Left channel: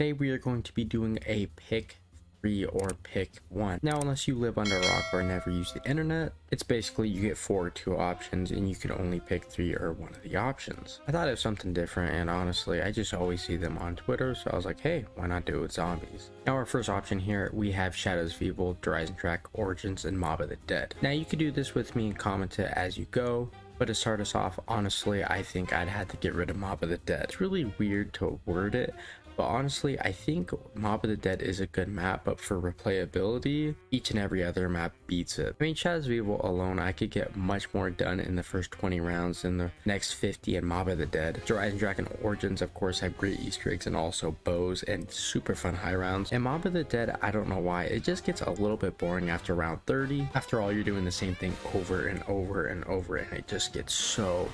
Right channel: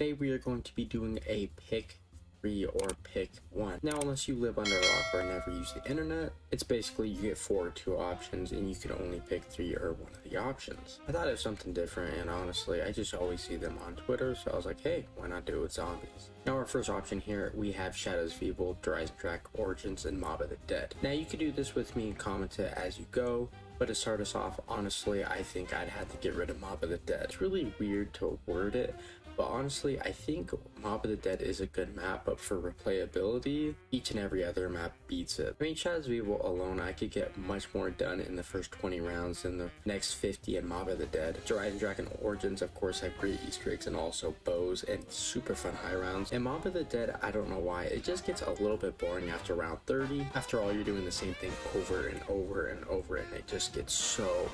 today we are going to be doing a pick 3 or pick 1. Now, unless you live under a rock or never use the internet, it's basically you get 4 or 2 options and you can only pick 3 or 1 of the options. I thought it was something different, and honestly I just always see them on Twitter, so I was like, hey, why not do it with zombies? Now our first option here, we have Shadows of Evil, Rise and Track, Origins, and Mob of the Dead. Now you can do this with me and comment it as you go, but to start us off, honestly, I think I'd have to get rid of Mob of the Dead. It's really weird to word it, but honestly, I think Mob of the Dead is a good map, but for replayability, each and every other map beats it. I mean, Shadows of Evil alone, I could get much more done in the first 20 rounds than the next 50 in Mob of the Dead. Rise and Track and Origins, of course, have great Easter eggs and also bows and super fun high rounds. And Mob of the Dead, I don't know why, it just gets a little bit boring after round 30. After all, you're doing the same thing over and over and over, and it just gets so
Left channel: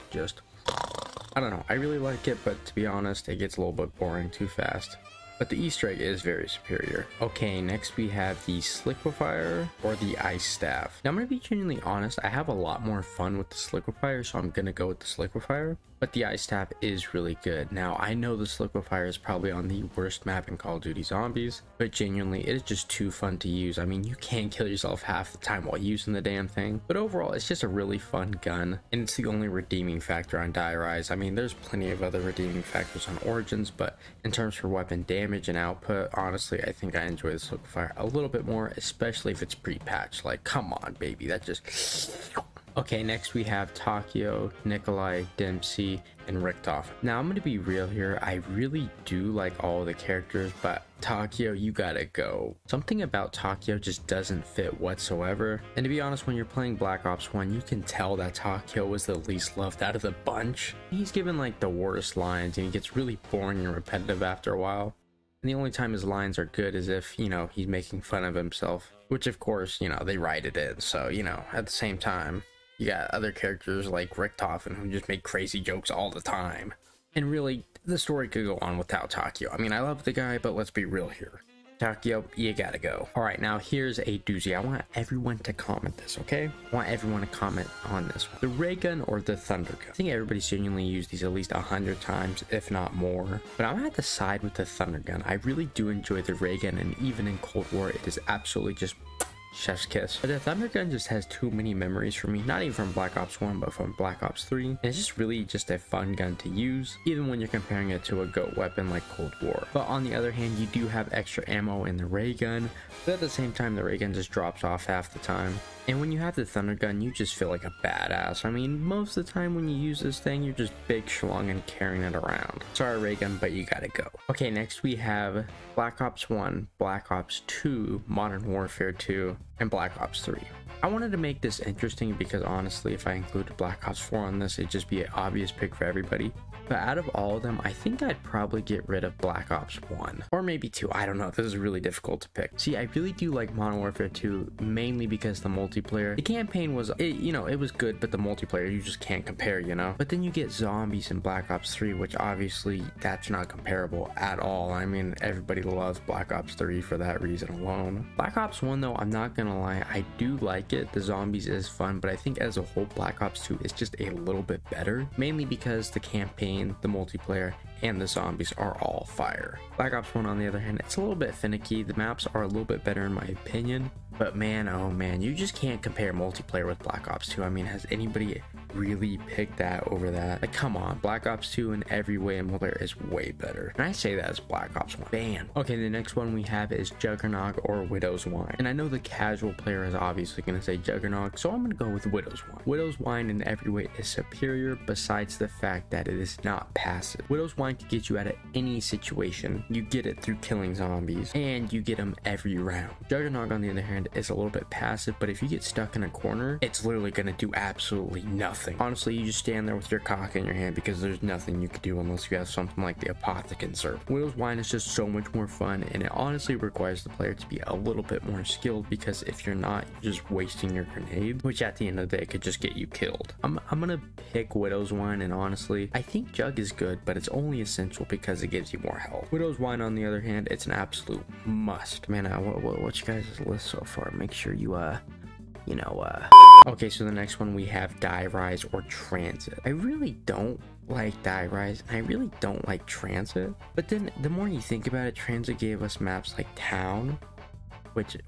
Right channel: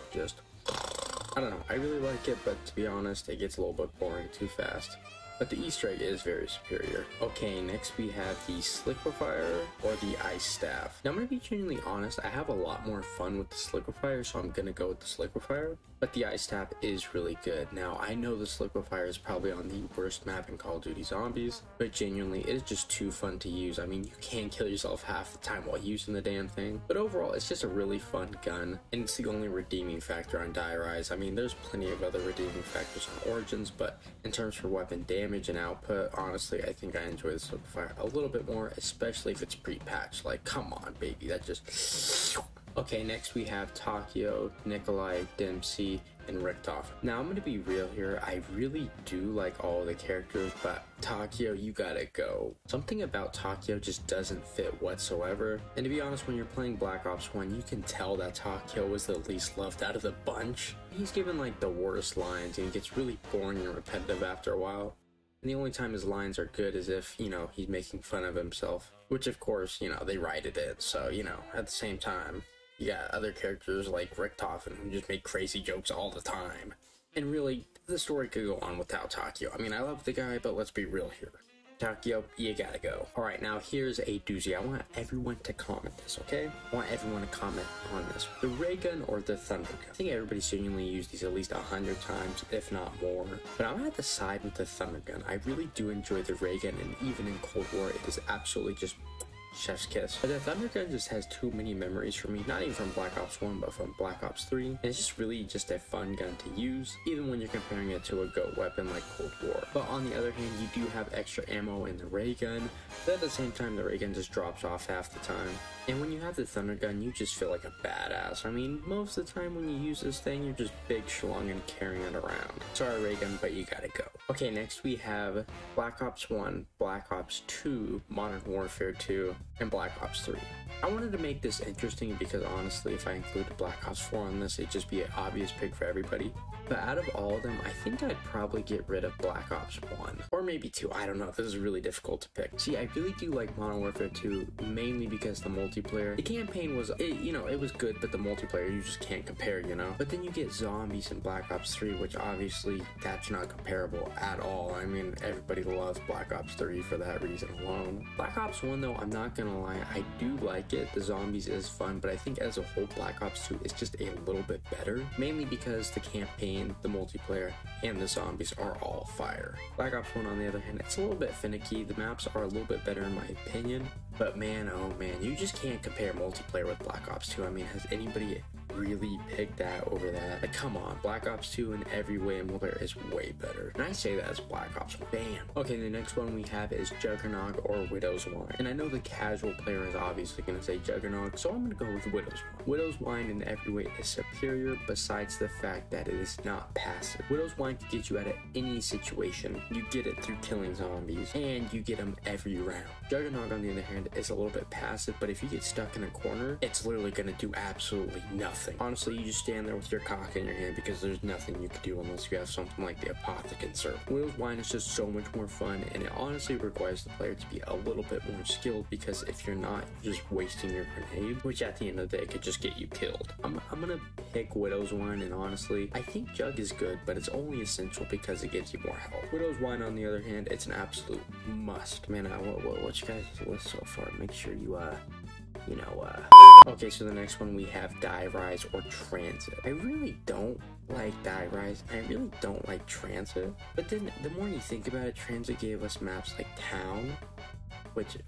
I don't know, I really like it, but to be honest, it gets a little bit boring too fast. But the Easter egg is very superior. Okay, next we have the Sliquifier or the Ice Staff. Now I'm gonna be genuinely honest, I have a lot more fun with the Sliquifier, so I'm gonna go with the Sliquifier. But the Ice Staff is really good. Now I know the Sliquifier is probably on the worst map in Call of Duty Zombies, but genuinely it is just too fun to use. I mean, you can kill yourself half the time while using the damn thing. But overall, it's just a really fun gun, and it's the only redeeming factor on Die Rise. I mean, there's plenty of other redeeming factors on Origins, but in terms for weapon damage and output, honestly, I think I enjoy the Sliquifier a little bit more, especially if it's pre-patched. Like, come on, baby, that just... Okay, next we have Takio, Nikolai, Dempsey, and Richtof. Now I'm going to be real here, I really do like all of the characters, but Takio, you gotta go. Something about Takio just doesn't fit whatsoever, and to be honest, when you're playing Black Ops 1, you can tell that Takio was the least loved out of the bunch. He's given like the worst lines, and he gets really boring and repetitive after a while. And the only time his lines are good is if, you know, he's making fun of himself, which of course, you know, they write it in, so, you know, at the same time, you got other characters like Richtof who just make crazy jokes all the time. And really, the story could go on without Takio. I mean, I love the guy, but let's be real here. Takio, you gotta go. Alright, now here's a doozy. I want everyone to comment this, okay? I want everyone to comment on this. The ray gun or the thunder gun? I think everybody's genuinely used these at least 100 times, if not more. But I'm gonna have to side with the thunder gun. I really do enjoy the ray gun, and even in Cold War, it is absolutely just chef's kiss. But the thunder gun just has too many memories for me, not even from Black Ops 1, but from Black Ops 3. And it's just really just a fun gun to use, even when you're comparing it to a GOAT weapon like Cold War. But on the other hand, you do have extra ammo in the ray gun, but at the same time, the ray gun just drops off half the time. And when you have the thunder gun, you just feel like a badass. I mean, most of the time when you use this thing, you're just big schlong and carrying it around. Sorry, ray gun, but you gotta go. Okay, next we have Black Ops 1, Black Ops 2, Modern Warfare 2, and Black Ops 3. I wanted to make this interesting because honestly, if I included Black Ops 4 on this, it'd just be an obvious pick for everybody. But out of all of them, I think I'd probably get rid of Black Ops 1. Or maybe 2, I don't know, this is really difficult to pick. See, I really do like Modern Warfare 2, mainly because the multiplayer. The campaign was, it was good, but the multiplayer, you just can't compare, you know? But then you get zombies in Black Ops 3, which obviously, that's not comparable at all. I mean, everybody loves Black Ops 3 for that reason alone. Black Ops 1, though, I'm not gonna lie, I do like it. The zombies is fun, but I think as a whole, Black Ops 2 is just a little bit better, mainly because the campaign, the multiplayer, and the zombies are all fire. Black Ops 1, on the other hand, it's a little bit finicky. The maps are a little bit better in my opinion, but man, oh man, you just can't compare multiplayer with Black Ops 2. I mean, has anybody really picked that over that? Like, come on, Black Ops 2 in every way in multiplayer is way better. And I say that as Black Ops 1. Bam! Okay, the next one we have is Juggernog or Widow's Wine. And I know the casual player is obviously going to say Juggernog, so I'm going to go with Widow's Wine. Widow's Wine in every way is superior, besides the fact that it is not passive. Widow's Wine can get you out of any situation. You get it through killing zombies, and you get them every round. Juggernog, on the other hand, is a little bit passive, but if you get stuck in a corner, it's literally going to do absolutely nothing. Honestly, you just stand there with your cock in your hand because there's nothing you can do unless you have something like the Apothecon Serp. Widow's Wine is just so much more fun, and it honestly requires the player to be a little bit more skilled, because if you're not, you're just wasting your grenade, which at the end of the day could just get you killed. I'm gonna pick Widow's Wine, and honestly, I think Jug is good, but it's only essential because it gives you more health. Widow's Wine, on the other hand, it's an absolute must. Man, what's you guys' list so far? Make sure you Okay, so the next one we have Die Rise or Transit. I really don't like Die Rise, and I really don't like Transit. But then the more you think about it, Transit gave us maps like Town,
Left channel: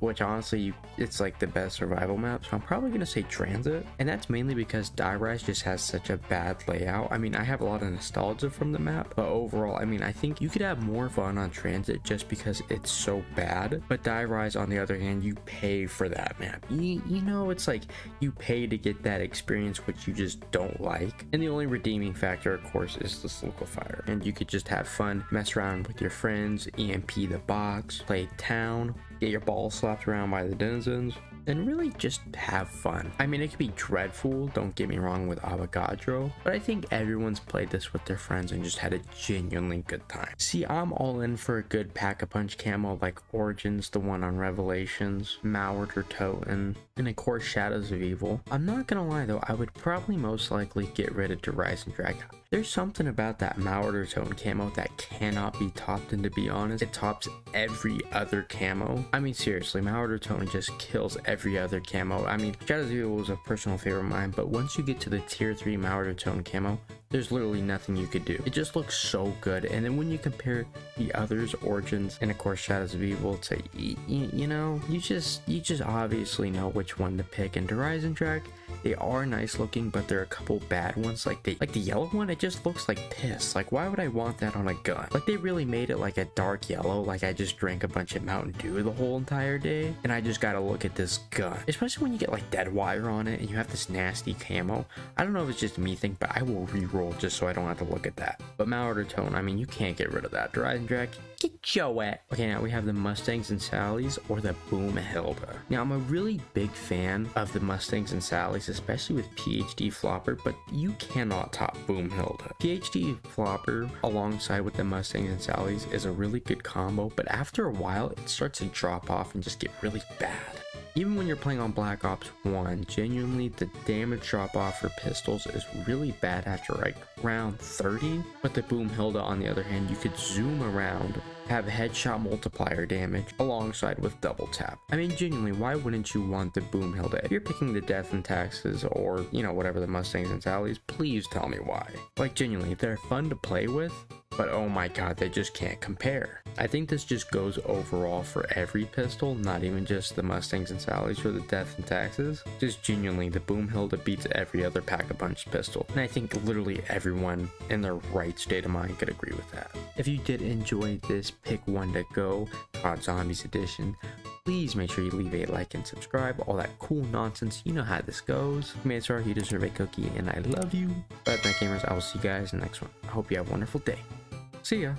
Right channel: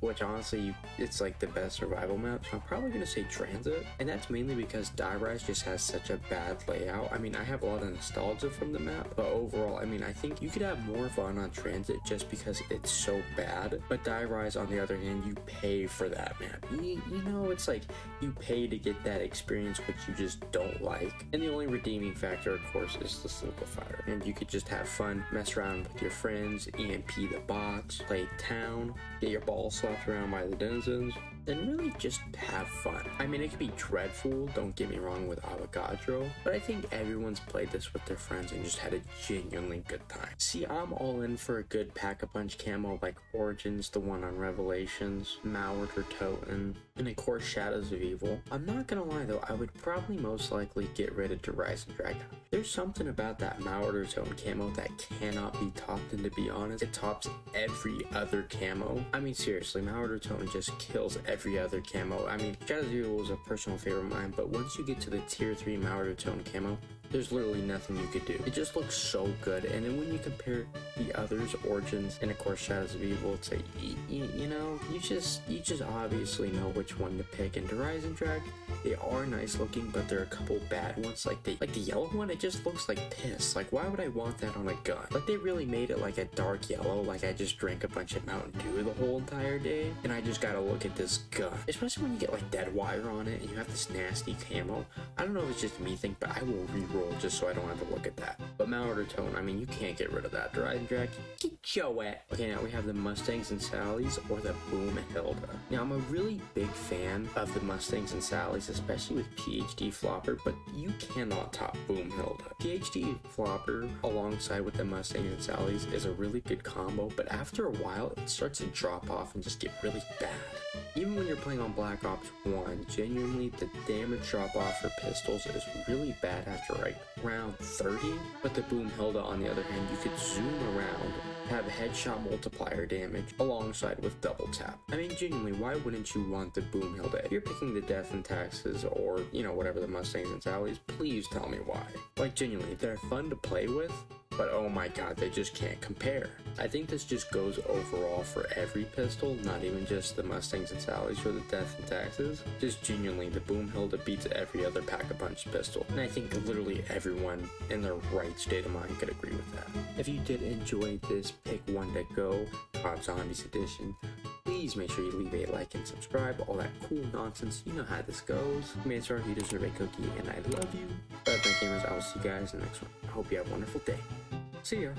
which honestly, it's like the best survival map, so I'm probably gonna say Transit. And that's mainly because Die Rise just has such a bad layout. I mean, I have a lot of nostalgia from the map, but overall, I mean, I think you could have more fun on Transit just because it's so bad. But Die Rise, on the other hand, you pay for that map. You know, it's like you pay to get that experience which you just don't like. And the only redeeming factor, of course, is the simplifier. And you could just have fun, mess around with your friends, EMP the box, play Town, get your ball slapped around by the denizens, and really just have fun. I mean, it could be dreadful, don't get me wrong, with Avogadro, but I think everyone's played this with their friends and just had a genuinely good time. See, I'm all in for a good pack-a-punch camo like Origins, the one on Revelations, Mallard or Toten, and of course Shadows of Evil. I'm not gonna lie though, I would probably most likely get rid of Rise and Drag. There's something about that Mallard or Toten camo that cannot be topped, and to be honest, it tops every other camo. I mean, seriously, Mallard or Toten just kills every other camo. I mean, Shadows of Evil was a personal favorite of mine, but once you get to the tier 3 Mallard or Toten camo, there's literally nothing you could do. It just looks so good. And then when you compare the others, Origins, and of course Shadows of Evil, to you know, you just obviously know which one to pick. And Rise and Drag, they are nice looking, but there are a couple bad ones. Like the yellow one, it just looks like piss. Like, why would I want that on a gun? Like, they really made it like a dark yellow, like I just drank a bunch of Mountain Dew the whole entire day, and I just gotta look at this gun. Especially when you get like dead wire on it and you have this nasty camo. I don't know if it's just me think, but I will reroll just so I don't have to look at that. But Mallard or Toten, I mean, you can't get rid of that. Rise and Drag, get your ass. Okay, now we have the Mustangs and Sallies or the Boomhilda. Now, I'm a really big fan of the Mustangs and Sallies, especially with PhD Flopper, but you cannot top Boomhilda. PhD Flopper alongside with the Mustangs and Sallies is a really good combo, but after a while, it starts to drop off and just get really bad. Even when you're playing on Black Ops 1, genuinely the damage drop off for pistols is really bad after like round 30, but the Boomhilda on the other hand, you could zoom around, have headshot multiplier damage alongside with double tap. I mean, genuinely, why wouldn't you want the Boomhilda? If you're picking the Death and Taxes or, you know, whatever the Mustangs and Sallies, please tell me why. Like, genuinely, they're fun to play with, but oh my god, they just can't compare. I think this just goes overall for every pistol, not even just the Mustangs and Sallies or the Death and Taxes. Just genuinely, the Boomhilda beats every other pack-a-punch pistol, and I think literally everyone in their right state of mind could agree with that. If you did enjoy this Pick One to Go COD Zombies edition, please make sure you leave a like and subscribe, all that cool nonsense, you know how this goes. Mansour, you deserve a cookie, and I love you. But gamers, I will see you guys in the next one. I hope you have a wonderful day. See ya.